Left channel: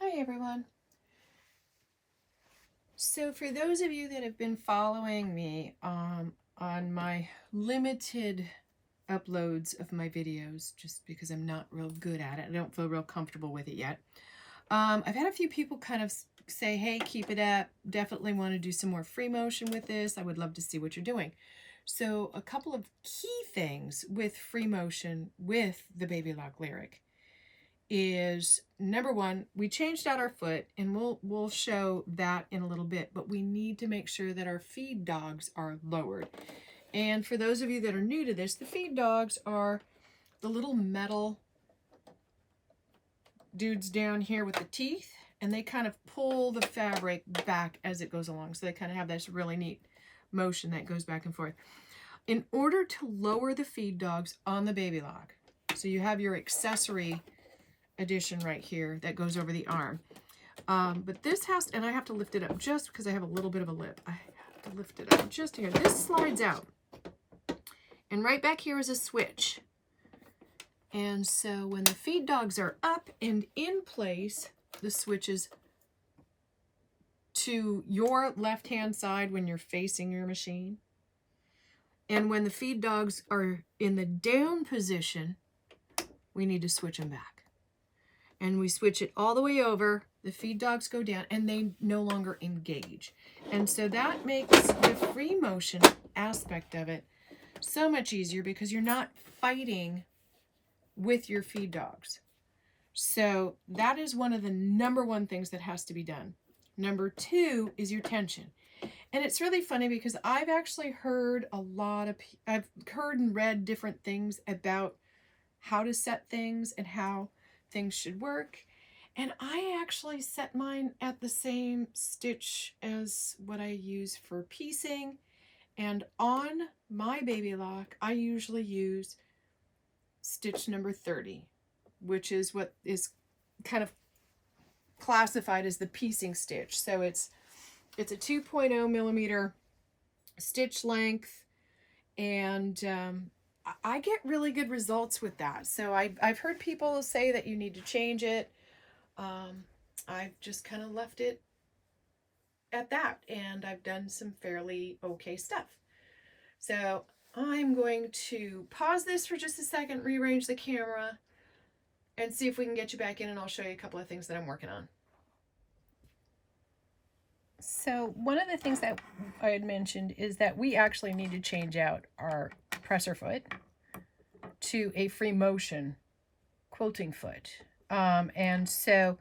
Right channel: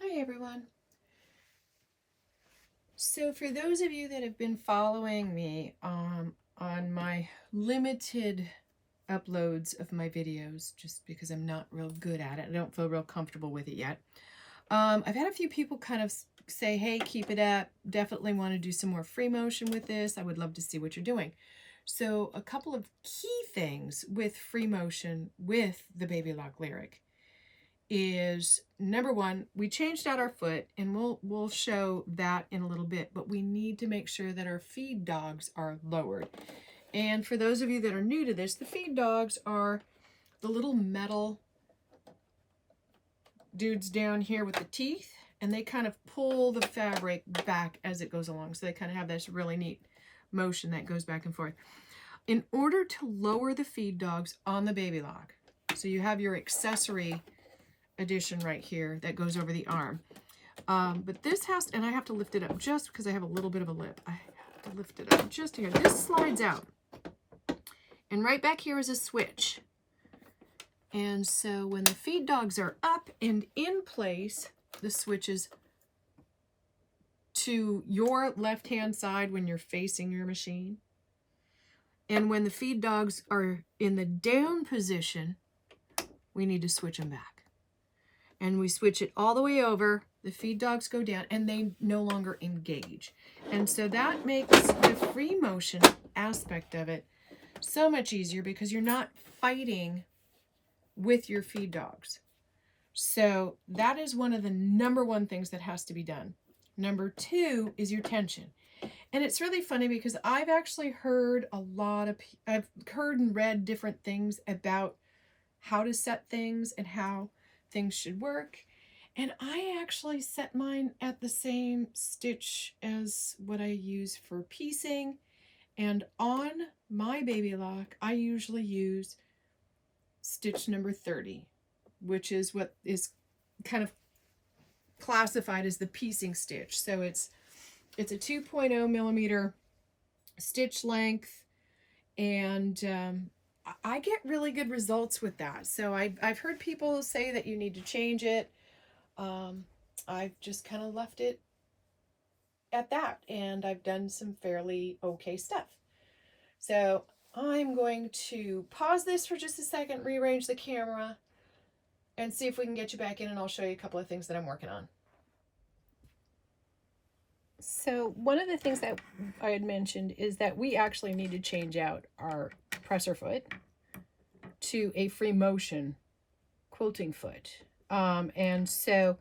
Hi everyone. So for those of you that have been following me on my limited uploads of my videos, just because I'm not real good at it, I don't feel real comfortable with it yet. I've had a few people kind of say, hey, keep it up. Definitely want to do some more free motion with this. I would love to see what you're doing. So a couple of key things with free motion with the Baby Lock Lyric is, number one, we changed out our foot, and we'll show that in a little bit, but we need to make sure that our feed dogs are lowered. And for those of you that are new to this, the feed dogs are the little metal dudes down here with the teeth, and they kind of pull the fabric back as it goes along. So they kind of have this really neat motion that goes back and forth. In order to lower the feed dogs on the Baby Lock, so you have your accessory addition right here that goes over the arm. But this has to, and I have to lift it up just because I have a little bit of a lip. I have to lift it up just here. This slides out. And right back here is a switch. And so when the feed dogs are up and in place, the switches to your left-hand side when you're facing your machine. And when the feed dogs are in the down position, we need to switch them back. And we switch it all the way over, the feed dogs go down, and they no longer engage. And so that makes the free motion aspect of it so much easier because you're not fighting with your feed dogs. So that is one of the number one things that has to be done. Number two is your tension. And it's really funny because I've actually heard I've heard and read different things about how to set things and how things should work. And I actually set mine at the same stitch as what I use for piecing. And on my Baby Lock, I usually use stitch number 30, which is what is kind of classified as the piecing stitch. So it's a 2.0 millimeter stitch length, and I get really good results with that. So I've heard people say that you need to change it. I've just kind of left it at that, and I've done some fairly okay stuff. So I'm going to pause this for just a second, rearrange the camera, and see if we can get you back in, and I'll show you a couple of things that I'm working on. So one of the things that I had mentioned is that we actually need to change out our presser foot to a free motion quilting foot. And so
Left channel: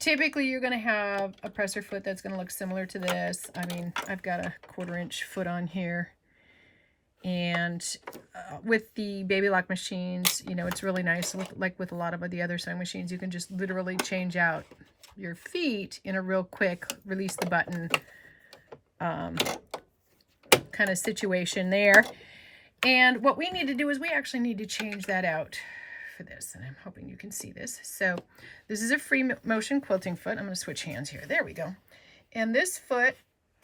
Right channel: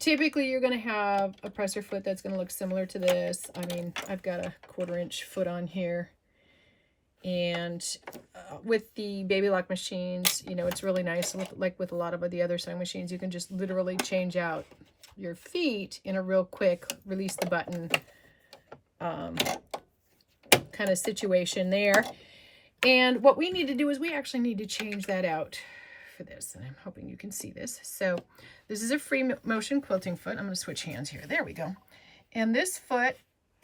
typically you're going to have a presser foot that's going to look similar to this. I mean, I've got a 1/4 inch foot on here. And with the Baby Lock machines, you know, it's really nice. Like with a lot of the other sewing machines, you can just literally change out your feet in a real quick release the button kind of situation there. And what we need to do is we actually need to change that out for this. And I'm hoping you can see this. So this is a free motion quilting foot. I'm going to switch hands here. There we go. And this foot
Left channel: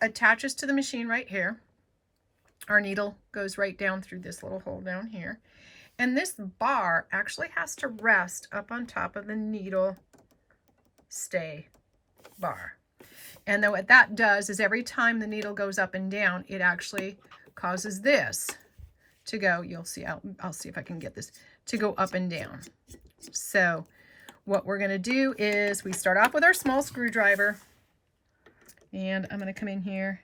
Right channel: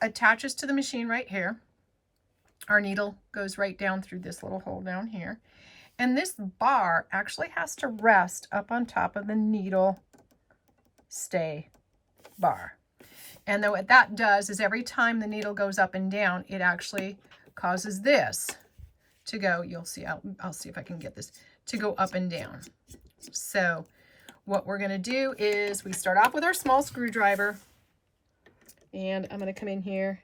attaches to the machine right here. Our needle goes right down through this little hole down here. And this bar actually has to rest up on top of the needle stay bar. And then what that does is every time the needle goes up and down, it actually causes this to go, you'll see, I'll see if I can get this to go up and down. So what we're going to do is we start off with our small screwdriver, and I'm going to come in here.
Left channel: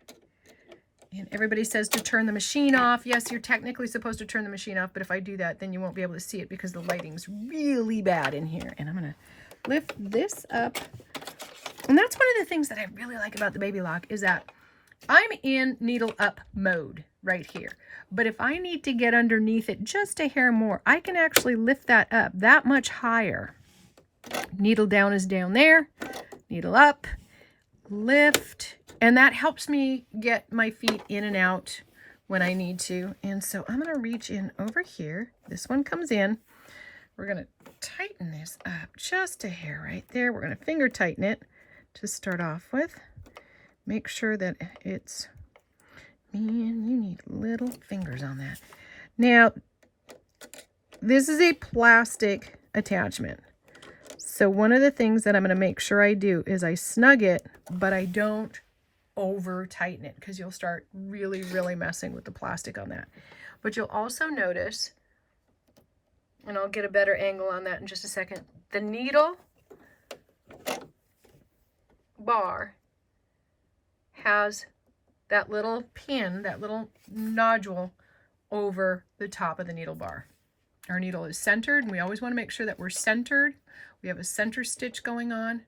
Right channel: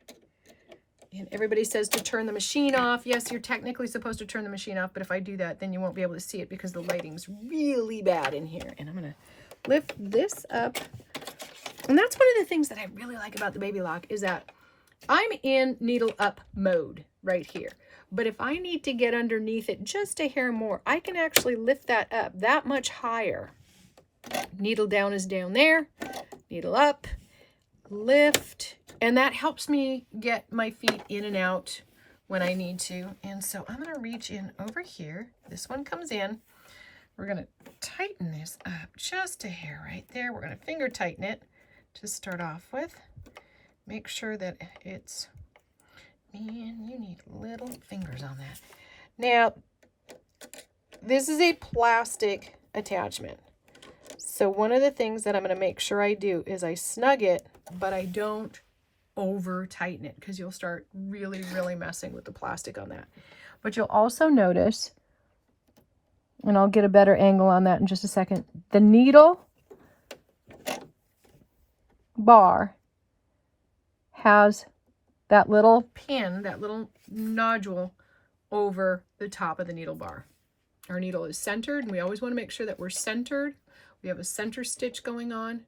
And everybody says to turn the machine off. Yes, you're technically supposed to turn the machine off, but if I do that, then you won't be able to see it because the lighting's really bad in here. And I'm going to lift this up. And that's one of the things that I really like about the Baby Lock is that I'm in needle up mode right here. But if I need to get underneath it just a hair more, I can actually lift that up that much higher. Needle down is down there, needle up, lift, and that helps me get my feet in and out when I need to. And so I'm going to reach in over here. This one comes in. We're going to tighten this up just a hair right there. We're going to finger tighten it to start off with. Make sure that it's, man, you need little fingers on that. Now, this is a plastic attachment. So So one of the things that I'm going to make sure I do is I snug it, but I don't over tighten it, because you'll start really, really messing with the plastic on that. But you'll also notice, and I'll get a better angle on that in just a second, the needle bar has that little pin, that little nodule over the top of the needle bar. Our needle is centered, and we always want to make sure that we're centered. We have a center stitch going on.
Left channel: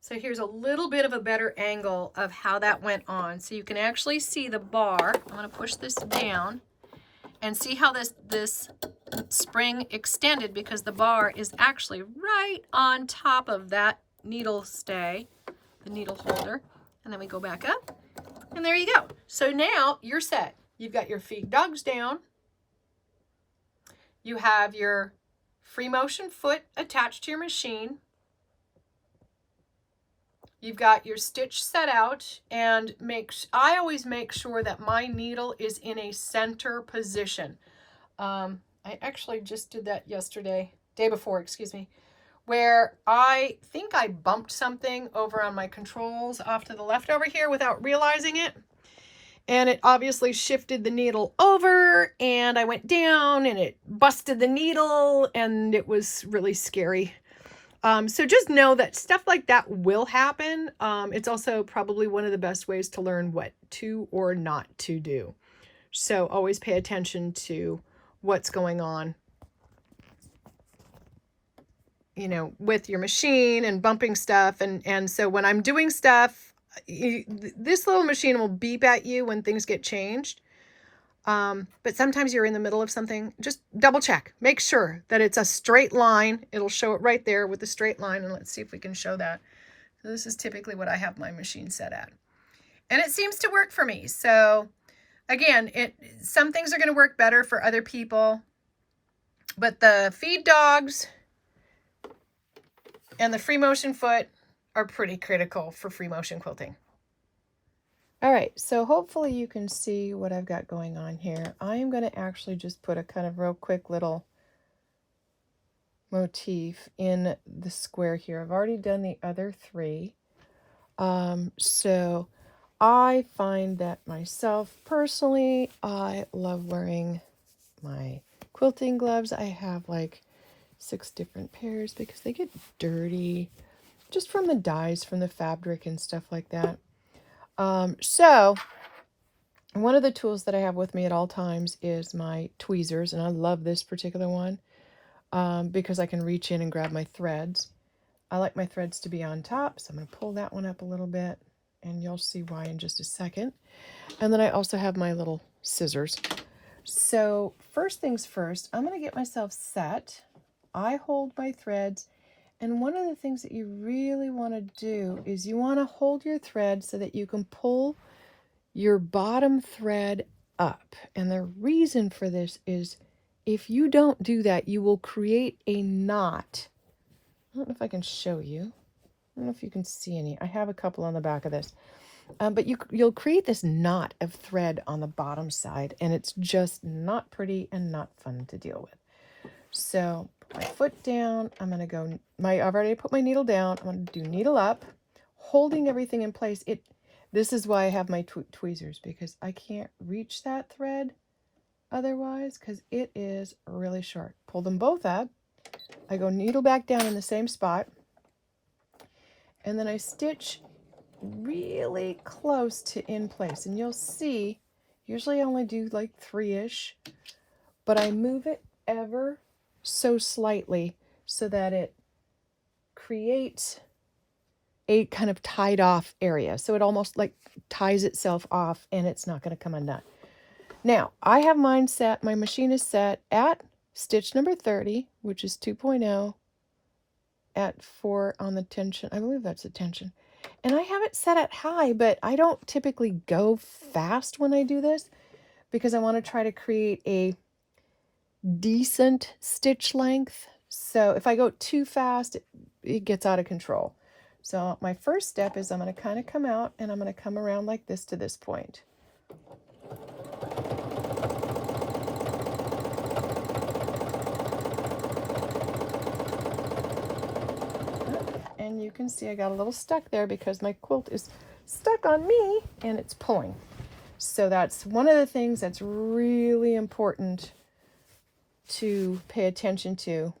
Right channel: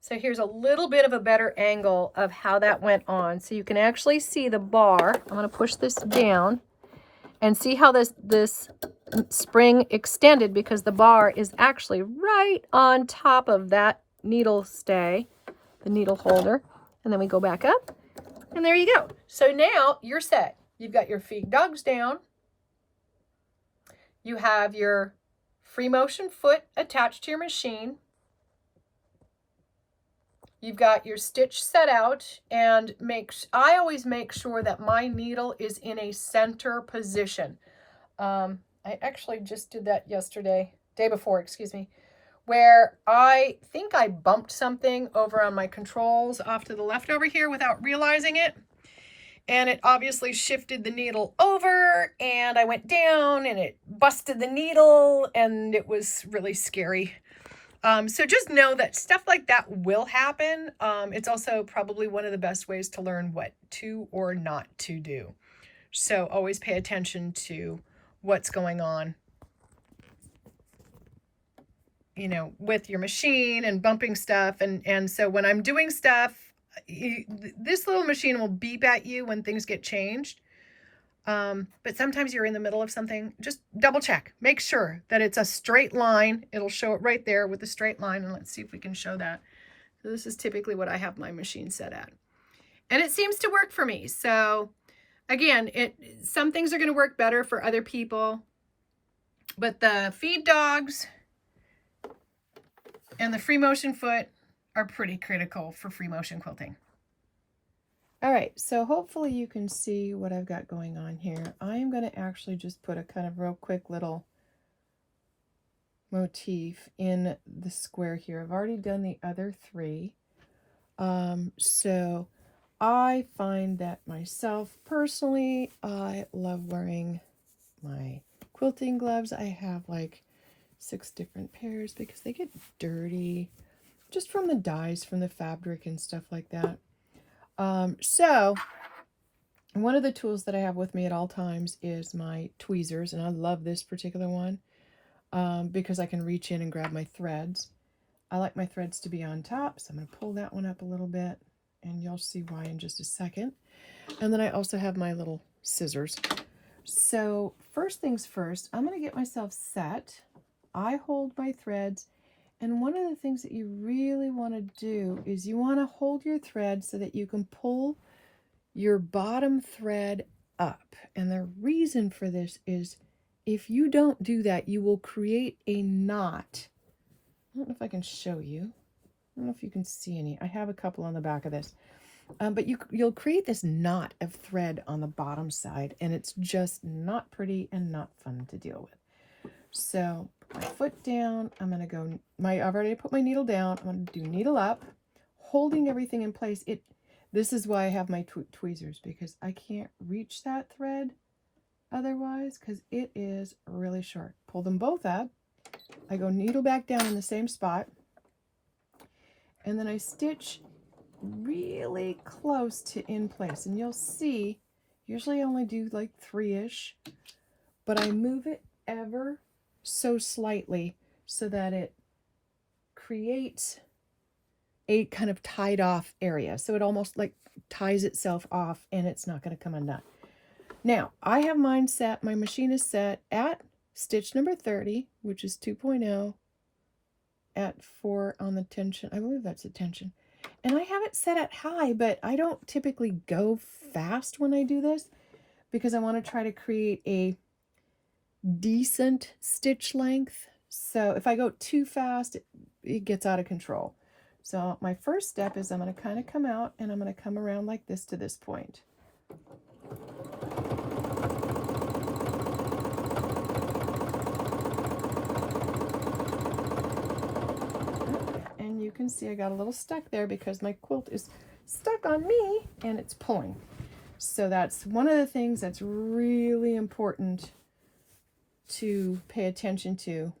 So here's a little bit of a better angle of how that went on. So you can actually see the bar. I'm going to push this down and see how this spring extended, because the bar is actually right on top of that needle stay, the needle holder. And then we go back up, and there you go. So now you're set. You've got your feed dogs down. You have your free motion foot attached to your machine. You've got your stitch set out, and I always make sure that my needle is in a center position. I actually just did that day before, excuse me, where I think I bumped something over on my controls off to the left over here without realizing it. And it obviously shifted the needle over, and I went down and it busted the needle, and it was really scary. So just know that stuff like that will happen. It's also probably one of the best ways to learn what to or not to do. So always pay attention to what's going on, you know, with your machine and bumping stuff. And so when I'm doing stuff, this little machine will beep at you when things get changed. But sometimes you're in the middle of something. Just double check. Make sure that it's a straight line. It'll show it right there with a straight line. And let's see if we can show that. So this is typically what I have my machine set at. And it seems to work for me. So again, some things are going to work better for other people. But the feed dogs and the free motion foot are pretty critical for free motion quilting. All right, so hopefully you can see what I've got going on here. I am going to actually just put a kind of real quick little motif in the square here. I've already done the other three. So I find that myself personally, I love wearing my quilting gloves. I have like 6 different pairs because they get dirty just from the dyes from the fabric and stuff like that. So one of the tools that I have with me at all times is my tweezers, and I love this particular one because I can reach in and grab my threads. I like my threads to be on top, so I'm going to pull that one up a little bit, and you'll see why in just a second. And then I also have my little scissors. So first things first, I'm going to get myself set. I hold my threads. And one of the things that you really want to do is you want to hold your thread so that you can pull your bottom thread up. And the reason for this is if you don't do that, you will create a knot. I don't know if I can show you. I don't know if you can see any. I have a couple on the back of this. But you'll create this knot of thread on the bottom side, and it's just not pretty and not fun to deal with. So my foot down, I'm going to go, I've already put my needle down. I'm going to do needle up, holding everything in place. This is why I have my tweezers, because I can't reach that thread otherwise, because it is really short. Pull them both up. I go needle back down in the same spot, and then I stitch really close to in place. And you'll see, usually I only do like 3-ish, but I move it ever so slightly so that it creates a kind of tied off area. So it almost like ties itself off, and it's not going to come undone. Now I have mine set, my machine is set at stitch number 30, which is 2.0 at 4 on the tension. I believe that's the tension. And I have it set at high, but I don't typically go fast when I do this because I want to try to create a decent stitch length. So if I go too fast, it gets out of control. So my first step is I'm going to kind of come out, and I'm going to come around like this to this point. can see I got a little stuck there because my quilt is stuck on me and it's pulling. So that's one of the things that's really important to pay attention to.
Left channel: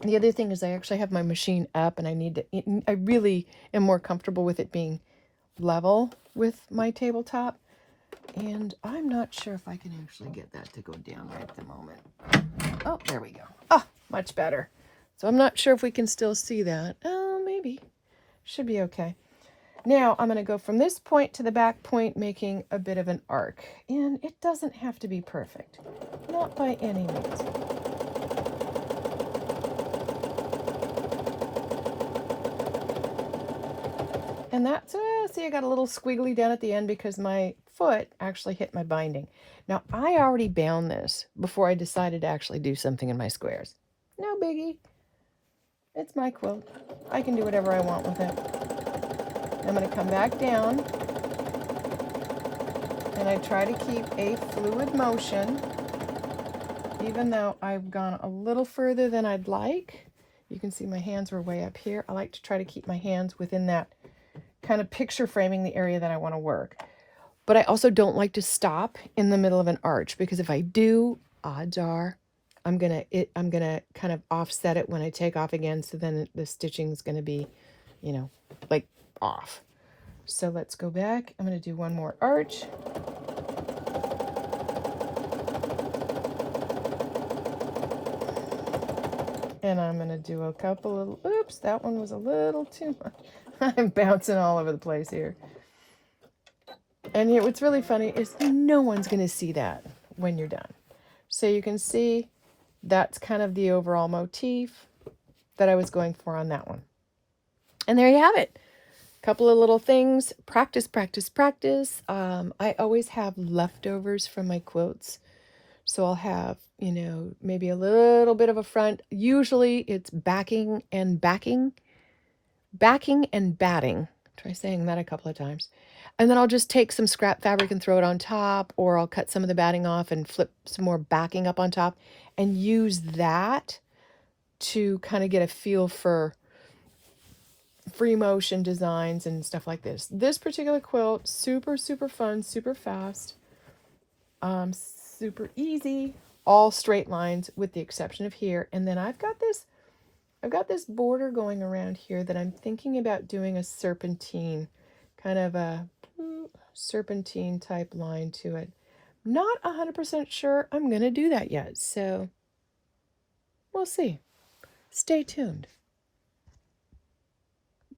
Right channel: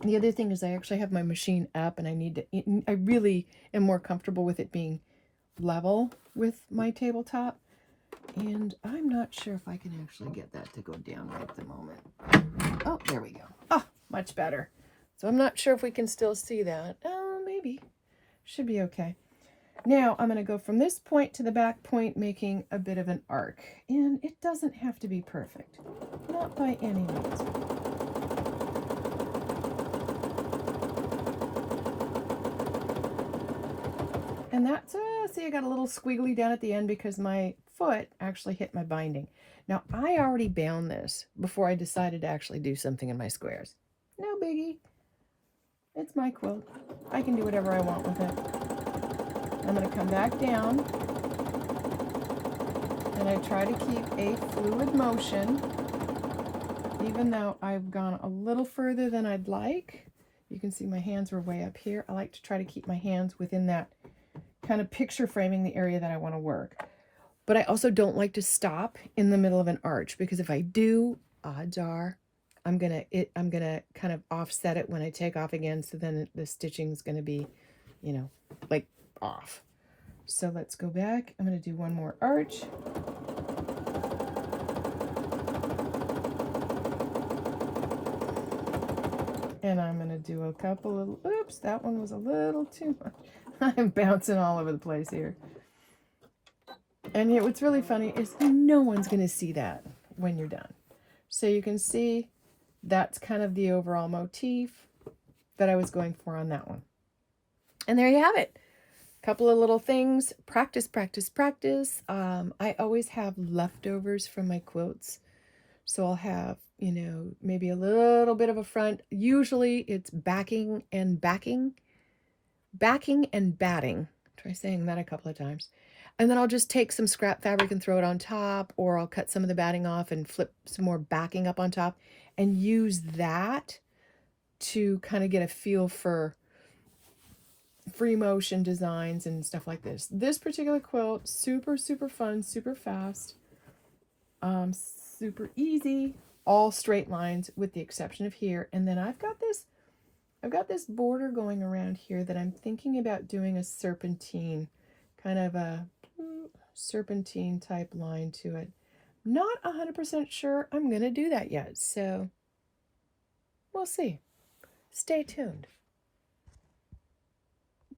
The other thing is I actually have my machine up and I really am more comfortable with it being level with my tabletop. And I'm not sure if I can actually get that to go down right at the moment. Oh, there we go. Oh, much better. So I'm not sure if we can still see that. Oh, maybe. Should be okay. Now I'm going to go from this point to the back point, making a bit of an arc. And it doesn't have to be perfect. Not by any means. And that's, see, I got a little squiggly down at the end because my foot actually hit my binding. Now, I already bound this before I decided to actually do something in my squares. No biggie. It's my quilt. I can do whatever I want with it. I'm going to come back down. And I try to keep a fluid motion, even though I've gone a little further than I'd like. You can see my hands were way up here. I like to try to keep my hands within that kind of picture framing the area that I want to work. But I also don't like to stop in the middle of an arch, because if I do, odds are I'm gonna kind of offset it when I take off again, so then the stitching is gonna be, you know, like off. So let's go back. I'm gonna do one more arch. And I'm gonna do a couple of, oops, that one was a little too much. I'm bouncing all over the place here. And yet what's really funny is no one's going to see that when you're done. So you can see that's kind of the overall motif that I was going for on that one. And there you have it. A couple of little things. Practice, practice, practice. I always have leftovers from my quilts. So I'll have, you know, maybe a little bit of a front. Usually it's backing and batting. Try saying that a couple of times. And then I'll just take some scrap fabric and throw it on top, or I'll cut some of the batting off and flip some more backing up on top and use that to kind of get a feel for free motion designs and stuff like this. This particular quilt, super, super fun, super fast, super easy, all straight lines with the exception of here. And then I've got this border going around here that I'm thinking about doing a serpentine, kind of a serpentine type line to it. Not 100% sure I'm going to do that yet, so we'll see. Stay tuned.